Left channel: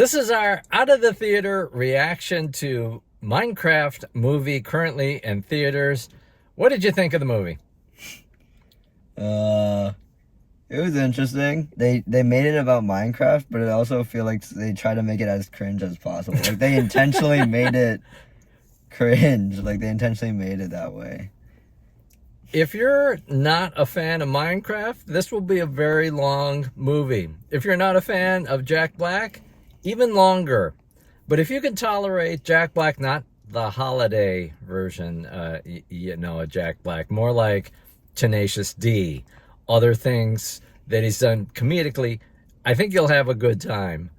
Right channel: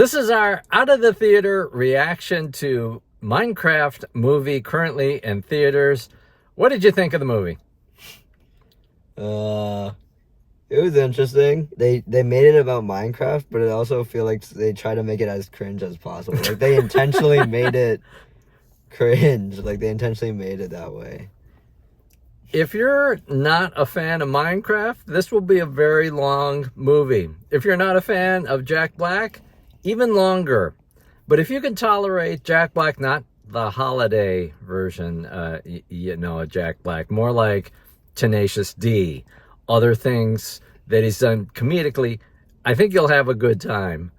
This is our out of the theater reaction to Minecraft movie currently in theaters. What did you think of the movie? It was interesting. They made it about Minecraft, but I also feel like they try to make it as cringe as possible. Like they intentionally made it cringe. Like they intentionally made it that way. If you're not a fan of Minecraft, this will be a very long movie. If you're not a fan of Jack Black, even longer. But if you can tolerate Jack Black, not the holiday version, of Jack Black, more like Tenacious D, other things that he's done comedically, I think you'll have a good time.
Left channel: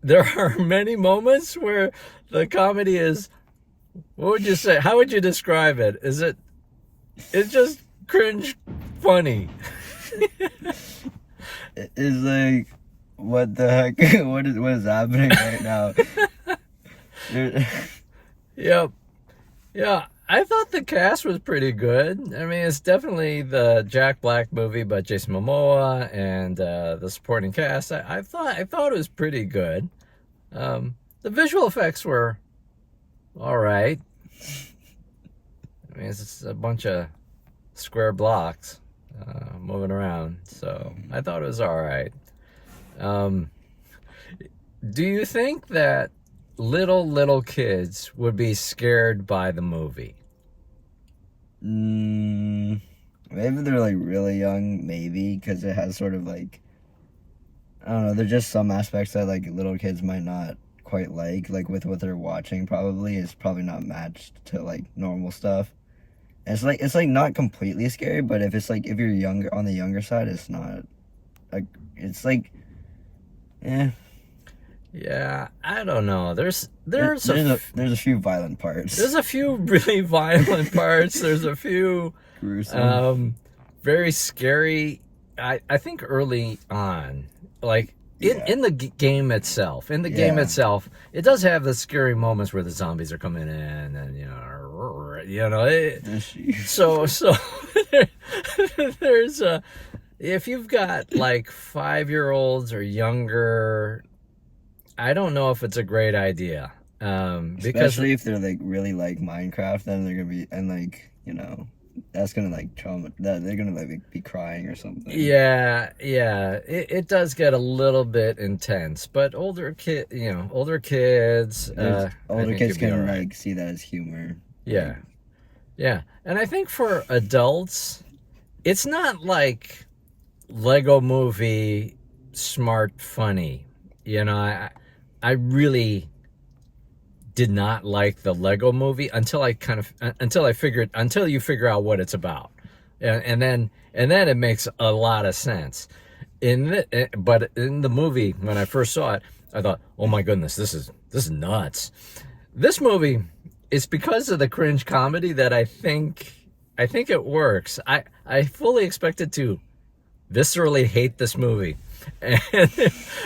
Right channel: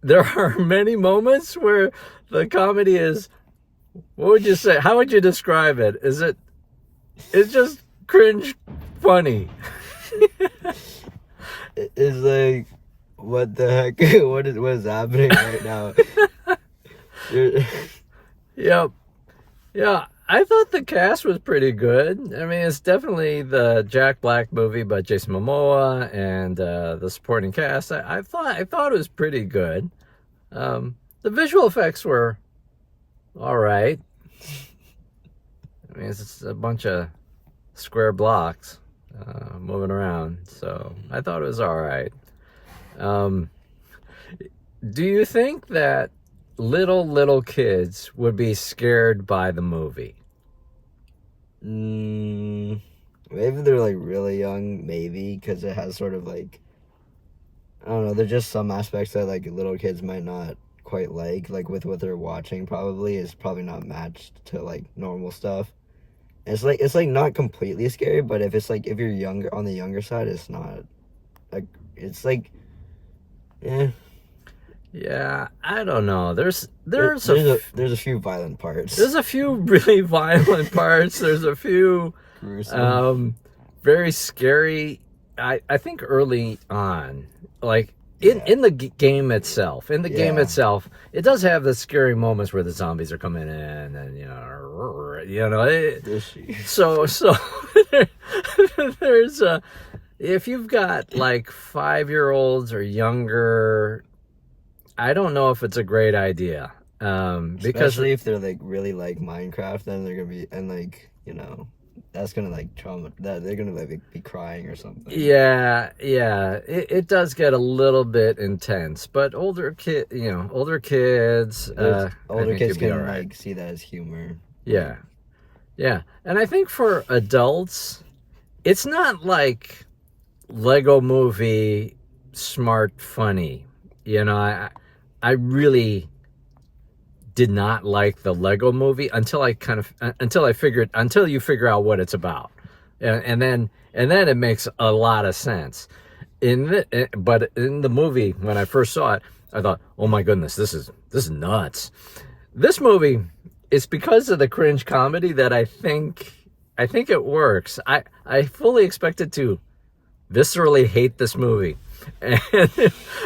There are many moments where the comedy is, what would you say? How would you describe it? It's just cringe funny. It's like, what the heck? What is happening right now? Yep. Yeah, I thought the cast was pretty good. I mean, it's definitely the Jack Black movie, but Jason Momoa and the supporting cast, I thought it was pretty good. The visual effects were all right. I mean, it's just a bunch of square blocks moving around, so I thought it was all right. Do you think that little kids would be scared by the movie? Maybe they're like really young, maybe, because it has sort of like, I don't know, there's just some aspects that like little kids might not quite like with what they're watching. Probably is probably not matched to like normal stuff. And it's like not completely scary, but if you're younger, on the younger side, it's not like, it's like, Yeah, I don't know. There's a few violent parts. There's a few really violent parts. There's a few gruesome, very scary. I think early on, like in the game itself, it does have the scary moments where the zombies are coming in, and so there's if you've got like 5-year-olds or younger, I don't know if it's a great idea. Because especially if they're like really like Minecraft, then they're gonna be, and like, that's gonna like trauma, that they're gonna like be crying or something. Yeah, it does get a little bit intense, but older kids, older kids can like see that as humor. Yeah, and I think for adults, it's not like Lego Movie smart funny. I really did not like the Lego Movie until you figure out what it's about, and then it makes a lot of sense. But in the movie, when I first saw it, I thought, oh my goodness, this is nuts. This movie, it's because of the cringe comedy that I think it works. I fully expected to viscerally hate this movie, and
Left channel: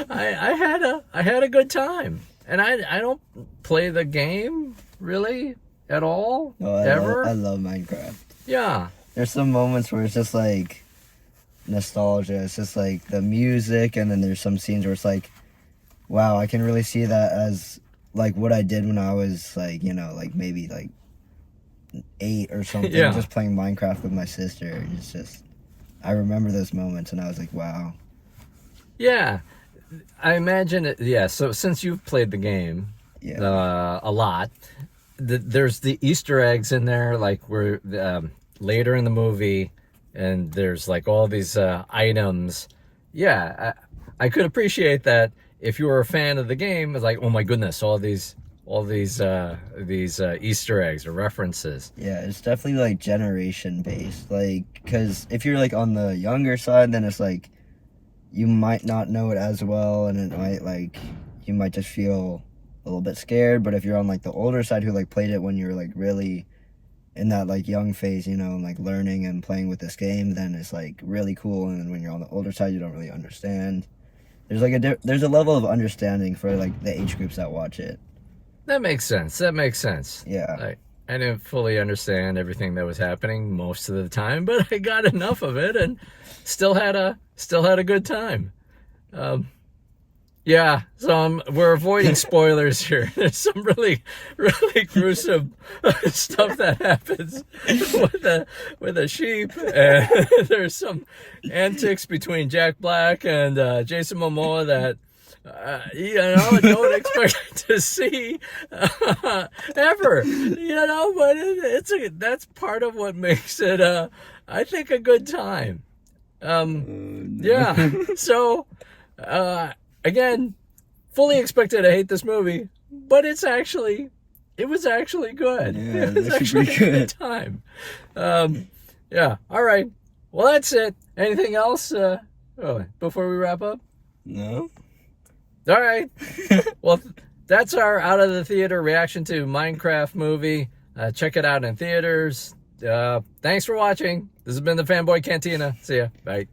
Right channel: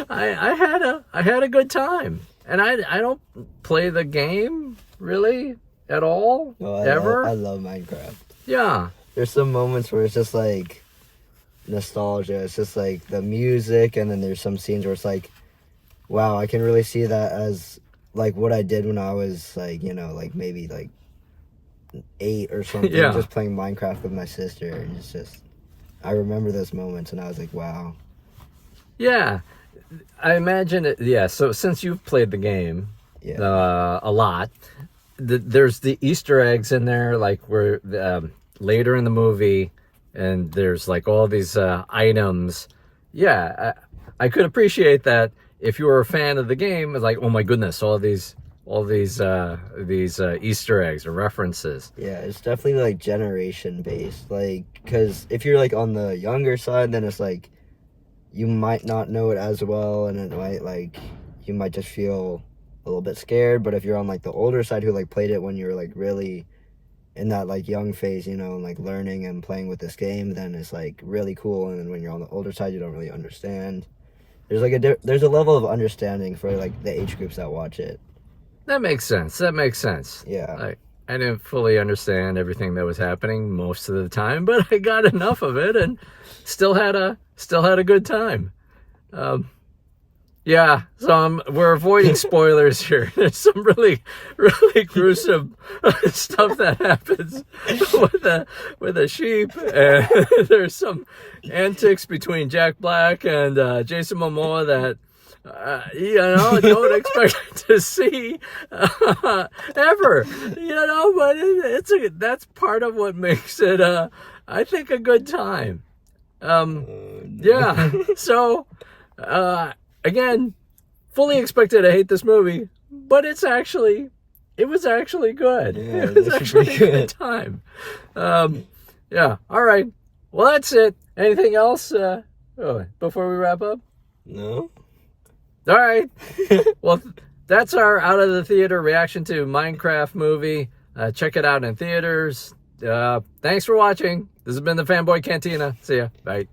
I had a good time. And I don't play the game really at all, ever. I love Minecraft. Yeah. There's some moments where it's just like nostalgia. It's just like the music, and then there's some scenes where it's like, wow, I can really see that as like what I did when I was like, like maybe like 8 or something, just playing Minecraft with my sister. And it's just, I remember those moments, and I was like, wow. Yeah. I imagine it. Yeah. So since you've played the game a lot, there's the Easter eggs in there, like where later in the movie, and there's like all these items. Yeah, I could appreciate that if you were a fan of the game. It's like, oh my goodness, all these Easter eggs or references. Yeah, it's definitely like generation based. Like, because if you're like on the younger side, then it's like, you might not know it as well, and it might like, you might just feel a little bit scared. But if you're on like the older side who like played it when you were like really in that like young phase, like learning and playing with this game, then it's like really cool. And then when you're on the older side, you don't really understand. There's like there's a level of understanding for like the age groups that watch it. That makes sense. Yeah. I didn't fully understand everything that was happening most of the time, but I got enough of it and still had a good time. Yeah, so we're avoiding spoilers here. There's some really, really gruesome stuff that happens with a sheep, and there's some antics between Jack Black and Jason Momoa that don't expect to see ever. But that's part of what makes it, I think, a good time. Yeah. So. Again, fully expected to hate this movie, but it was actually good. Yeah, it was actually a good time. Yeah. All right. Well, that's it. Anything else before we wrap up? No. All right. Well, that's our out of the theater reaction to Minecraft movie. Check it out in theaters. Thanks for watching. This has been the Fanboy Cantina. See ya. Bye.